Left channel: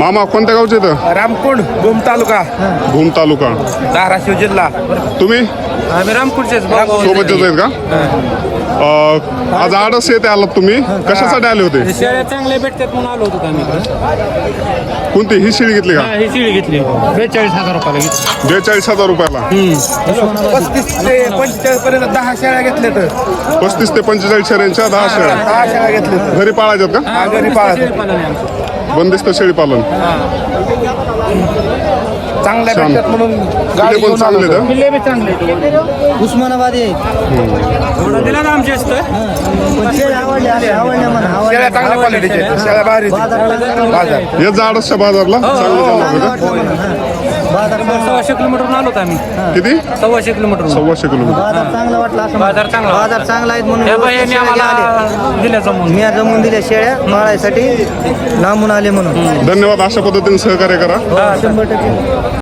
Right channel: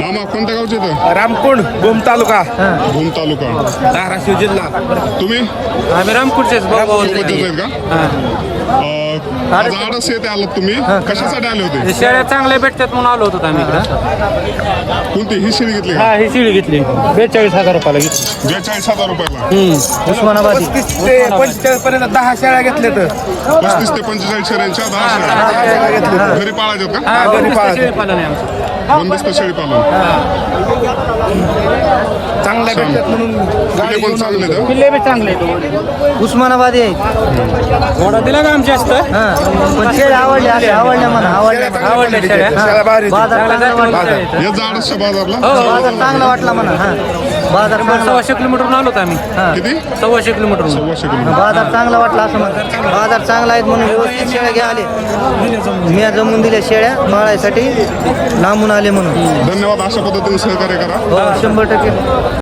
मामा कोणत्या गावचे तर? रामकुंड भूम तालुका भूम तालुका. धाराशिव जिल्हा. तुम्ही आम्ही रामकुंडचेच सोबतच आहेत का? आज आडस येते आलात तुम्ही, कशासाठी आले होते? शेळ्या चांगल्या भेटतात म्हणून आलो होतो आम्ही इकडं. कोणती ही शेळी घेतली का? ही शिळी घेतली 42,000 रुपयाला घेतली. 42,000 रुपयाला. 35 ते 45 पर्यंत 10 शेळ्या घेतल्या तर 35 ते 45 शेळ्यांच्या 10 शेळ्या 10 शेळ्या घेतल्या. घरी पाळायच्यात का? घरी पाळत पालन आहे आमचं. बंदिस्त शेळी पालन. चांगल्या भेटतात म्हणून गाडी पण घेऊन आलो चांगले होतो. तर. पिल्ले बी चांगले आहेत. उस्मानाबादी आहे. थोडा दिला ना आमच्या असतं. पण शेळ्या आवडल्या म्हणा शेळ्या चांगल्या क्वालिटीच्या आहेत. शेळ्या भारी बाजार. येत जा आडसच्या बाजारला. चांगला वाटला म्हणा. बाजार 1,200 किलोमीटरहून आलो आम्ही. किती? 1,200 किलोमीटर. 1,200 किलोमीटर. बाजार चांगला वाटला असं बाजार चांगला. बाजार चांगला आहेत म्हणून व्यवस्थित शेळ्या घ्या आले. दिल्या जमून. मी जमून दिल्या शेळ्या पाळायसाठी लांबून आले म्हणून. धन्यवाद. अशा पद्धतीने सहकार्य करा. 100%